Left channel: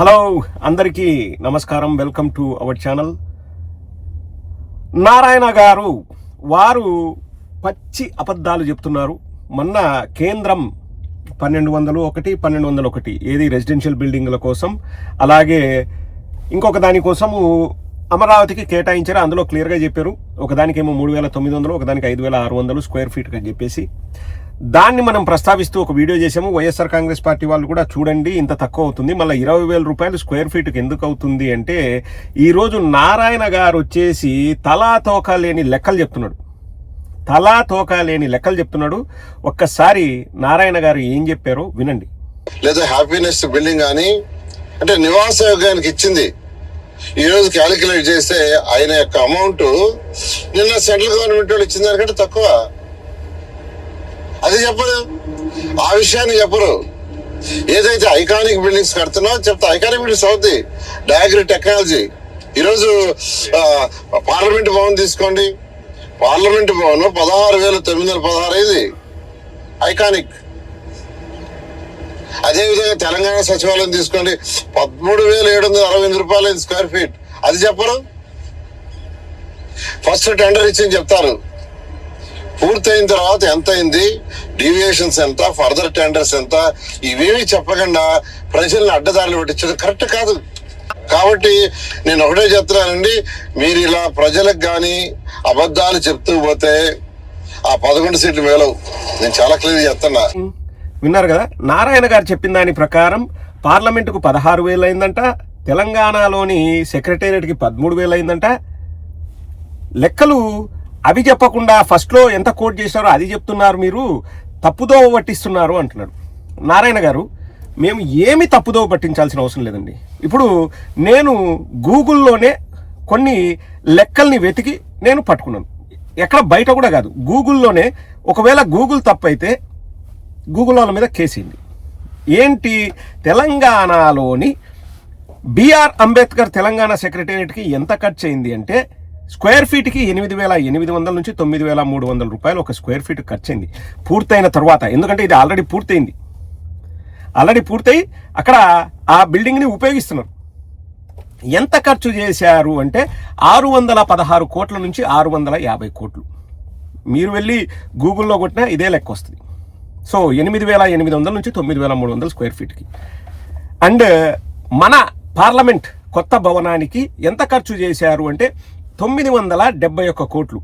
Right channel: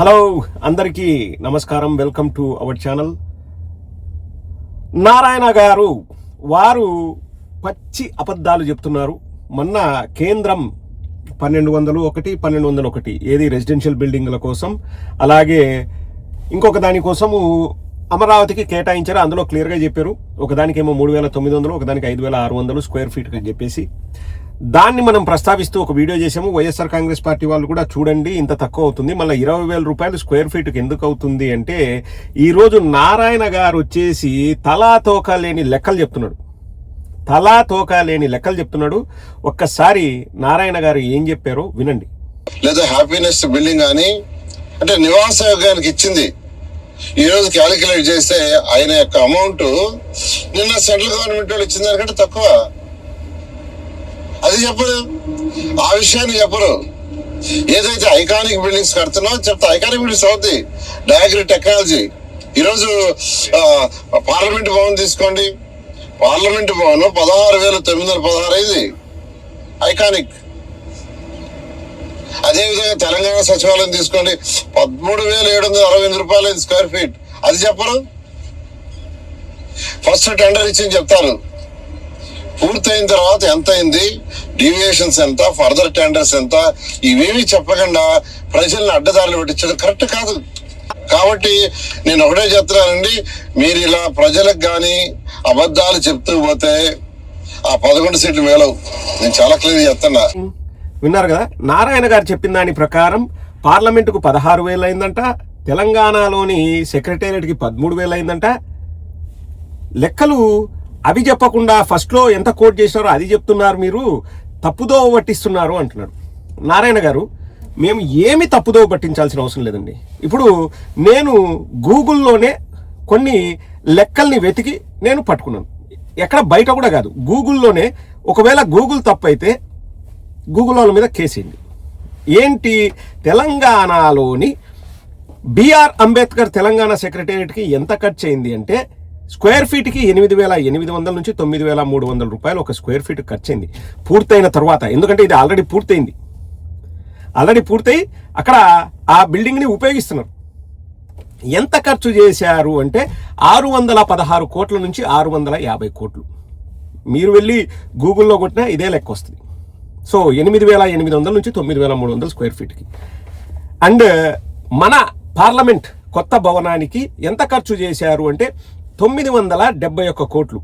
Hello అందరికీ నమస్కారం. Welcome to our channel. Narayana గారు వారు పచ్చి అబద్ధాలు చెప్తున్నారు. మొన్న కేంద్రం 1201 ఏది రెసిడెన్షియల్ బిల్డింగ్ల కోసం, అలాగే ఇంకొక దానికోసము అమరావతికి కేటాయించారు. అందులో క్లియర్గా చెప్పారు. ఒకదానికేమో 3900, ఒకదానికి 5600 స్క్వేర్ ఫీట్ అని చెప్పేసి దాన్ని మనం ప్రస్తావిస్తూ ఒక వీడియో చేసాము. వైఎస్ఆర్ కాంగ్రెస్ పార్టీ వాళ్ళు కూడా చూడండి ఇంత తక్కువ అవుతుంది, మళ్ళీ 20,000 రూపాయలు స్క్వేర్ ఫీట్కి ఎందుకు అవుతుంది అంటే, ఈరోజు నారాయణ గారు వచ్చేసి తలా తోక లేని లెక్కలు చెప్తున్నాడు. ఒక్కసారి నారాయణ గారు ఏం చెప్పారో వినండి. లేదా హ్యాపీనెస్ బిల్డింగ్ అని అంటే నివాస యోగానికి ఇచ్చింది. ఈ రోజు క్యాలిక్యులేట్ చేస్తే ఆయన యొక్క అమౌంట్ నిన్న సెంట్రల్ గవర్నమెంట్ వాళ్ళు ఇచ్చిన దానికంటే తక్కువ. అది చెప్పరు, ఆ విషయాన్ని చెప్పరు. ఏదైతే ఐకానిక్ బిల్డింగ్స్ కడుతున్నావు చెప్తా, ఐకానిక్ బిల్డింగ్స్ అవుద్ది. డయాగ్రీ టెక్నాలజీ. ఈరోజు పార్లమెంట్ భవన్ తీసుకోండి, పార్లమెంట్ భవన్ 16,916 అయింది, ఐకానిక్. అదేవిధంగా తెలంగాణ సచివాలయం తీసుకోండి, 13,768 రూపాయలు స్క్వేర్ ఫీట్. అది చెప్పరు. ఫస్ట్ టెండర్ ఇచ్చి చెప్తారు, పూర్తయిన తర్వాత ఎంత అయింది, డీవియేషన్స్ ఎంత, ఫర్దర్ టెండర్స్ ఎంత, ఇవేమీ చెప్పకుండా ప్రజల్ని అడ్డదారులు పెట్టించడం కరెక్ట్ కాదు. కాబట్టి నేను ఒకటే చెప్తున్నానండి, మీరు ఇలా ప్రజలకు కానీ అబద్ధాలు చెప్తూ పోతే ఆ 11 సీట్లు మేలవు. నేను చాలా క్లియర్ చెప్తున్నా. విన్నారు కదా, నారాయణ గారు చెప్పిన దాని ప్రకారం పార్లమెంటుకు 16,000 అయిందంట, తెలంగాణలోని సెక్రటేరియట్కి 13,000 అయిందంట. లెక్కలు అవి చెప్పకుండా ఫస్ట్లో ఎంత కోట్ చేశారో అది చెప్తున్నారు. మీరు తప్పుదోవ పట్టిస్తున్నారు అంటున్నాడు నారాయణ గారు. మేము ఏమి తప్పుదోవ పట్టించాల్సిన అవసరం లేదండి. ఇప్పుడు నేను గూగుల్లోనే కొన్ని లెక్కల్ని వెతికి నేను పట్టుకున్నాను. ఎక్కడ బయట కూడా కాదు, గూగుల్లోనే. ఒకవేళ గూగుల్ తప్పైతే గూగుల్ వాళ్ళ మీద కేసేయండి. ఏంటి, తెలంగాణలోని బిఆర్ అంబేద్కర్ తెలంగాణ సెక్రటేరియట్కి ఎంత ఖర్చు అయింది అంటే, స్క్వేర్ ఫీట్కి 8,800 నుంచి 9,300 రూపాయలు ఒక స్క్వేర్ ఫీట్ ఖర్చు అయింది పూర్తయిన తర్వాత. ఎందుకంటే ఇది ఆల్రెడీ పూర్తయి అక్కడ ఆ బిల్డింగ్ని ఉపయోగిస్తున్నారు. ఎంత ఖర్చు చేశారు అంటే 616 కోట్ల నుంచి 650 కోట్లు. మీరు వెళ్ళి గూగుల్లో కొట్టినా ఇదే లెక్క వస్తుంది. సో 8,800 నుంచి 9,300 స్క్వేర్ ఫీట్కి. అండ్ మన పార్లమెంట్ కొత్త భవనానికి ఎంత ఖర్చు చేశారు అంటే 971 కోట్లు.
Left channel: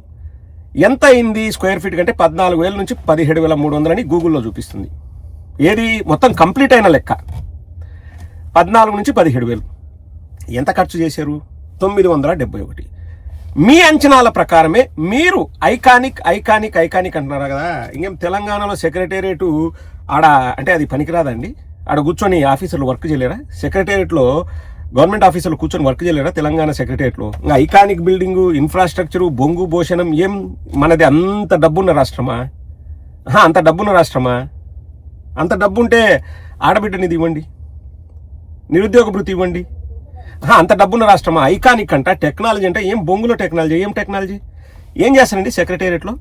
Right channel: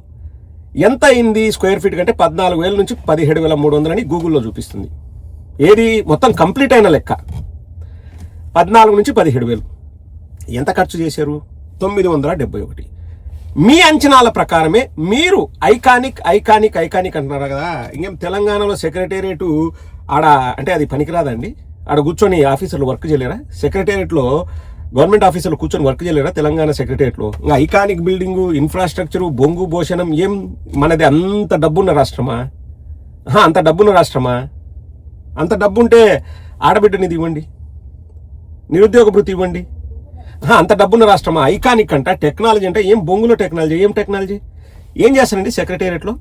ఎంత అయింది స్క్వేర్ ఫీట్ కంటే 14,000 నుంచి 17,300 అని గూగుల్లో చూపిస్తుంది. ఏది మొత్తం కంప్లీట్ అయిన లెక్క 14 నుంచి 17,000. ఎంత ఖర్చు చేశారు? 971. మీ అంచనాల ప్రకారమే మీరు ఐకానిక్ అంటున్నారు కదా. ఇంకేం తెలంగాణలో సెక్రటేరియట్ ఆడ అంటే అది పనికిరాదండి. ఆడ కూర్చొని ఆఫీసర్లు వర్క్ చేయలేరా? సెక్రటేరియట్లో గవర్నమెంట్ ఆఫీసర్లు కూర్చొని వర్క్ చేయలేరా తెలంగాణ సెక్రటేరియట్లో? ఇంకా ఐకానిక్ బిల్డింగు, ఇన్ఫ్రాస్ట్రక్చరు, బొంగు భోషణం ఏం మనది అంత డబ్బున్న రాష్ట్రమా? అంత డబ్బు ఉంటే ఆడబిడ్డనిది ఇవ్వండి, నిరుద్యోగ భృతి ఇవ్వండి. అంత డబ్బున్న రాష్ట్రమా? ఐకానిక్ అంట, టెక్నాలజీ అంటే ఏం బొంగులో టెక్నాలజీ, ఏం చేస్తారండి సెక్రటేరియట్లో?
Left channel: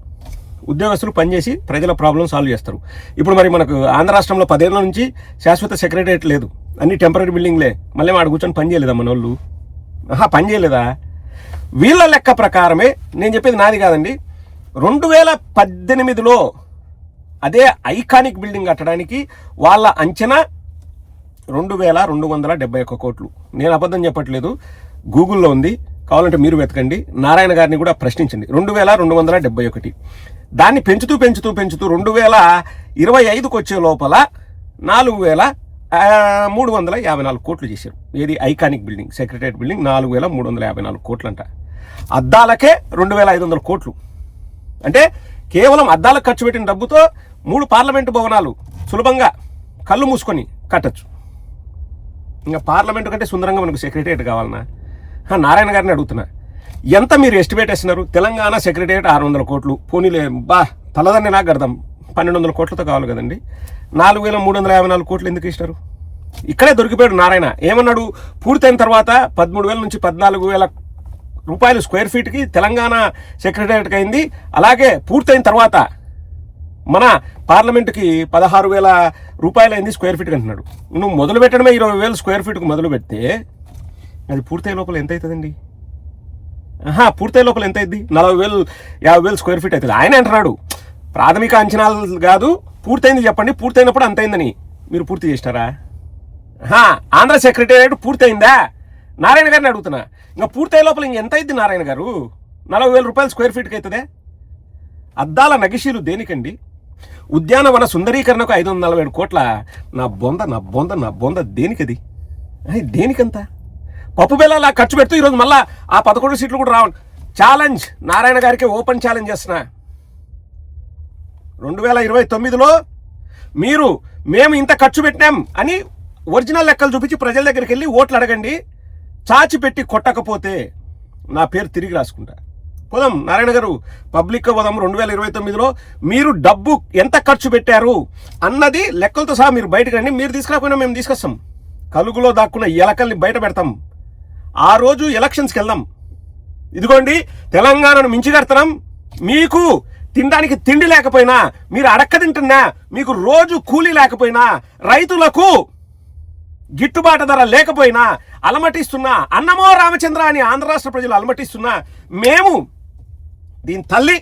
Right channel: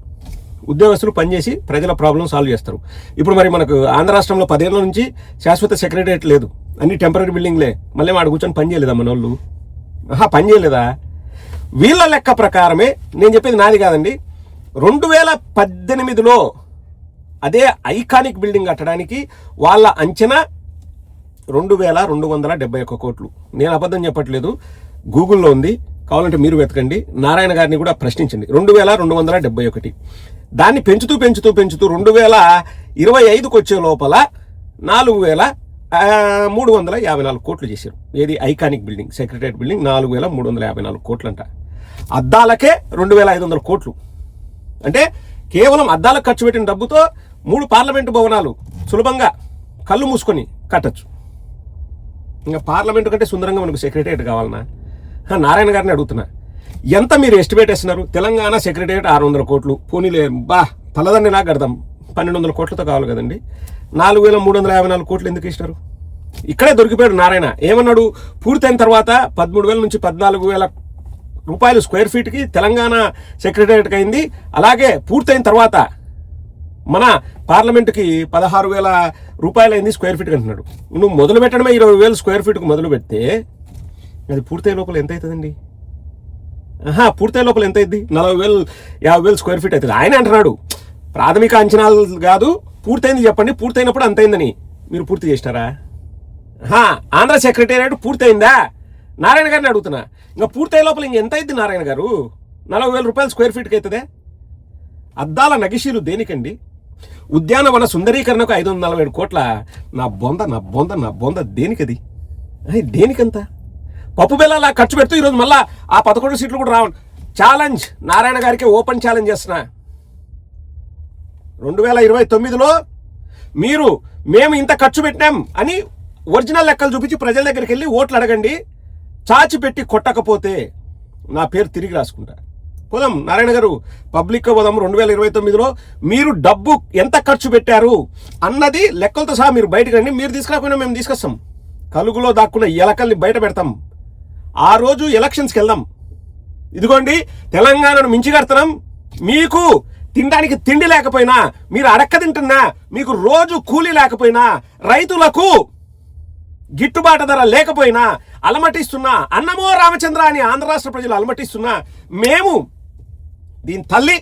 ఉద్యోగస్తులు పనిచేసి ప్రజల ప్రాబ్లం సాల్వ్ చేస్తారు. ఇప్పుడు మరి మనకు ఆంధ్ర రాష్ట్రంలో 10 ఏళ్ల నుంచి శాశ్వత సెక్రటేరియట్ లేదు, అన్ని టెంపరీ బిల్డింగ్లే. మళ్ళీ ఆడ కూర్చొని పని చేయలేదా మన వాళ్ళు? పని చేయలేదా? వీళ్ళ లెక్క ప్రకారమే, నేను చెప్పేది నాది కాదండి, 2018లో అదే ఐకానిక్ బిల్డింగ్ కట్టడానికి వాళ్ళ అంచనా 2,271 కోట్లు. నేను అబద్ధం చెప్పట్లేదు, గూగుల్లో ఉంది, కావాలంటే మీరు వెతకండి. నారాయణ గారిని కూడా ప్రశ్నించండి. 2,271. దాన్ని పెంచుతూ 2025కు వచ్చే లోపల 4,354 కోట్లు చేశారు. ఏది ఐకానిక్ బిల్డింగ్, సెక్రటేరియట్ బిల్డింగ్ 4,354 కోట్లంట. అద్దాలకే 2,500 కోట్లు. అంటే కేవలం అద్దాలకు ఖర్చు పెట్టిన డబ్బుతో 3 పార్లమెంటు భవనాలు సులభంగా కళ్ళు మూసుకొని కట్టచ్చు. ఇంకా పార్లమెంటు కంటే సుందరంగా మనకు సెక్రటేరియట్ కావాలన్నా? నారాయణ గారిని అడుగుతున్నా, ఎంత మీరు ఎస్టిమేట్ వేస్తున్నారు? తెలంగాణ సెక్రటేరియట్ 600 కోట్లు. పోనీలే తలదాన్ని నాకు అర్థం, 1,200 కోట్లతో కావాలి కదండి. 4,354 కోట్లు ఎందుకు ఇస్తారు? ఇక్కడే దొరికిపోయాడు నారాయణ. ఏమన్నాడు? పూర్తయిన తర్వాత 13,000 నుంచి 14,000 రూపాయలు స్క్వేర్ ఫీట్కి తెలంగాణ సెక్రటేరియట్కి అయింది. అలాగే పూర్తయిన తర్వాత మన పార్లమెంటుకి 16,000 రూపాయలు అయింది స్క్వేర్ ఫీట్కి అంటున్నాడు. నువ్వు మొదలు పెట్టడమే 20,000 స్క్వేర్ ఫీట్కి మొదలు పెడితే అది పూర్తయ్యే లోపల ఎంత అవుతుందండి? పూర్తయ్యే లోపల ఎంత అయింది? 40,000 50,000 స్క్వేర్ ఫీట్ అవుతుంది. ఆయన అంటున్నాడు ప్రాథమిక అంచనాలు కాదు, పూర్తయింది చెప్పండి, పూర్తయినప్పుడు అంత అయిందని. మీరు పూర్తి చేసినారా? ఆంధ్ర సెక్రటేరియట్ పూర్తయిందా? నారాయణ గారిని అడుగుతున్నా. ఇంకా పూర్తయ్యే లోపల ఇంకెంత అయింది నారాయణ గారు? 40,000 రూపాయలు స్క్వేర్ ఫీట్కి అవుతుందే. అద్దాల నగిషీలు దేనికండి? ఉద్యానవన సుందరీకరణకు 547 కోట్ల. నా బొంద దేనికది? దేనికంత? పప్పు బెల్లాలా ఖర్చు పెడుతూ ఈరోజు మళ్ళా ఆ 11 సీట్లు కూడా రావండి. ఛాలెంజ్ నారాయణ గారికి ఓపెన్ ఛాలెంజ్ చేస్తున్నా. 2029లో మేము ఇంత ఖర్చు పెట్టాం అని ఒరిజినల్ లెక్కలు చూపించి ప్రజల దగ్గరికి వెళ్ళి ఓట్లు అడగండి. చాచి పెట్టి కొట్టకపోతే నా పేరు తిరిగి రాసుకుంటా. పోదాం నారాయణ గారు, పబ్లిక్ పోదాం. 2029లో మీరు డబ్బు ఎంత ఖర్చు పెట్టారు అన్నది లెక్కలతో సహా మీరు బయటకు రండి. మీరు తీసుకురాకపోయినా మేము తీసుకొస్తాం. కలుగులో దాక్కున్న ఎలకల్ని బయట పెడతాం. ఆ రోజు ఎలక్షన్స్కి వెళ్దాం. ఇదిగోండి తెలంగాణను మించిగడతాం. మీకు తినడానికి తిండి లేకపోయినా, మీరు అడక్క తింటున్నా, మీకు రోజు కూలీ లేకపోయినా, రైతులకు గిట్టుబాటు ధర లేకపోయినా, అలమటిస్తున్నా, అన్నమో రామచంద్ర అని ఆంధ్ర రాష్ట్ర ప్రజలు అలమటిస్తున్నా, మేము దీని తల్లి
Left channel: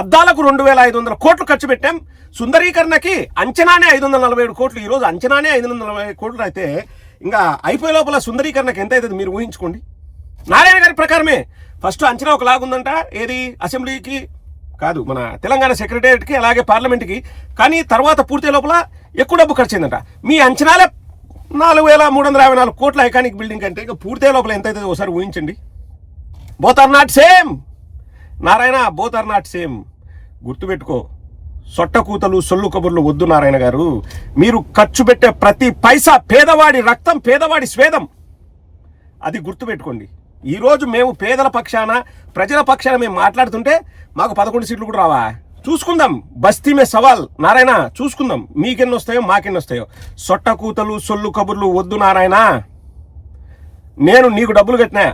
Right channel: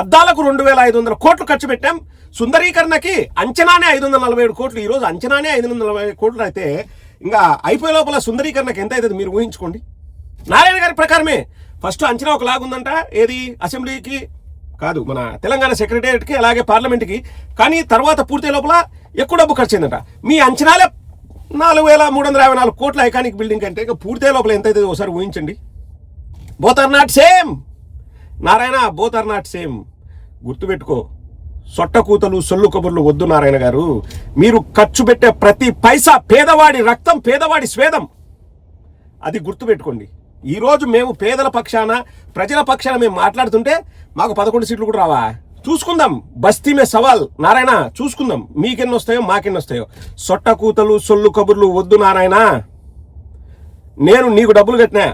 అద్దాలకు 2,500 కోట్లు ఖర్చు పెట్టాం. సుందరీకరణకి అంచనానే 547 కోట్లు. ఈరోజు అంచనానే 540 కోట్లు అయితే ఇంకా అయిపోయే లోపల సుందరీకరణకి ఎంత అవుతుంది మీరు ఊహించుకోండి. నారాయణ గారి ప్రకారమే ఫస్ట్ అంచనా ఒకలాగుందంట. ఏది? అసెంబ్లీకి కాదు, మన తెలంగాణ సెక్రటేరియట్కి, అలాగే పార్లమెంట్కి. కానీ తర్వాత పూర్తి లోపల ఎక్కువ డబ్బు ఖర్చు అయిందంట. మీ అంచనాలే 4,354 కోట్ల ఐకానిక్ బిల్డింగ్ అంటే ఇక పూర్తి లోపల ఎంత అవుతుంది ఒకసారి ఊహించండి. Both are not same Narayana, both are not same. గుర్తుపెట్టుకో, సొట్టకూతలు సొల్లు కబుర్లు వద్దు నారాయణ గారు. మీరు ఖర్చు పెట్టే ప్రతి పైసా పేదవాడి రక్తం, పేదవాడి స్వేదం. అది గుర్తుపెట్టుకోండి. ఈరోజు మేము పేదల పక్షాన, ప్రజల పక్షాన మేము మాట్లాడుతుంటే మాకు 11 సీట్లు కూడా రావా? చూసుకుందాం. బస్తీ మే సవాల్ నారాయణ, చూసుకుందాం. మీకెన్ని వస్తాయో మాకెన్ని వస్తాయో. సొట్టకూతలు సొల్లు కబుర్లు వద్దు నారాయణ. నేను నీకు డబ్బులు కట్టినా,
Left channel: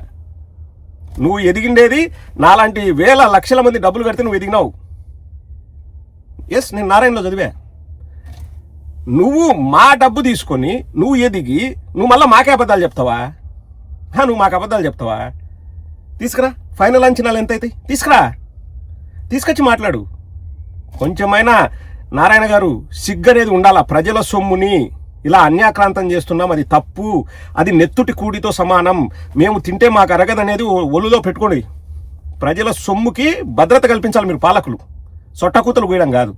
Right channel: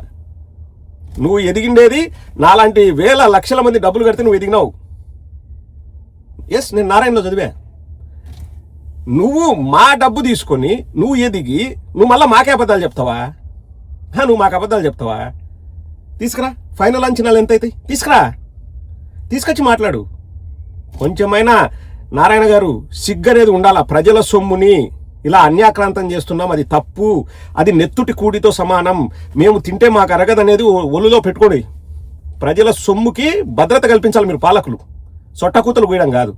నువ్వు ఎదిగిండేది నాలాంటి వేల లక్షల మంది డబ్బులు కడితే నువ్వు ఎదిగినావు. ఎస్, నేను నారాయణలో చదివా. నువ్వు మా డబ్బు తీసుకొని నువ్వు ఎదిగి నువ్వు మళ్ళీ మాకే అబద్ధాలు చెప్తావా? నువ్వు మాకు అబద్ధాలు చెప్తావా? తీసుకురా, ఫైనల్ అంచనాలు ఎంత అవుతాయి తీసుకురా, తీసుకొచ్చి మాట్లాడు. కొంచెమైనా నారాయణ గారు సిగ్గనేది ఉండాలా. ప్రజల సొమ్ముని ఇలా అన్యాక్రాంతం చేస్తున్నాం, అది తప్పు, అది నెత్తుటి కూడితో సమానం, మేము తింటే మాకు అరగదనేది ఒళ్ళులో పెట్టుకోండి. ప్రజల సొమ్ముకి భద్రత కల్పించాలి మీరు పాలకులు. సొట్టకూతలు గీయడం కాదు.